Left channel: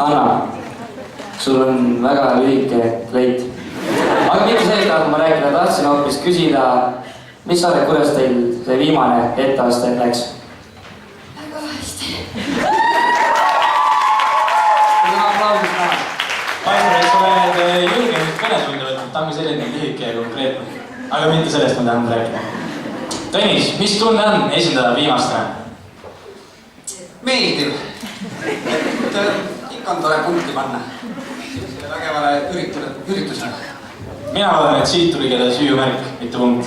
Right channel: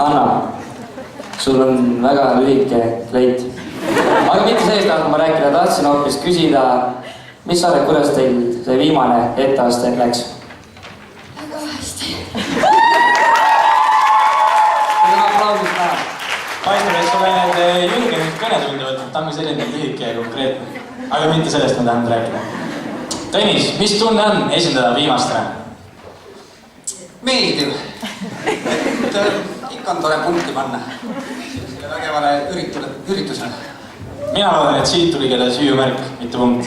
Hanna, sul on väga lühike kleit. Aga mitte sellest tahab ma rääkida, tahtsin hoopis küsida, mis sa arvad, kuidas teil see viimane etteaste läks? Väga hästi. Teil on aplausis näha. Paistab, et sa oled julgenud kõnetunde võtnud, ta on selline lühike ja konkreetne. Aga mitte sellest ma tahan rääkida. Tõnis, mis tunne on esindada viimastele? Meeldiv. Ikka on tore punkti panna. Selle vägevale üritusele. Mina loodan, et siit tuli keda süüumärk, mitte punkt.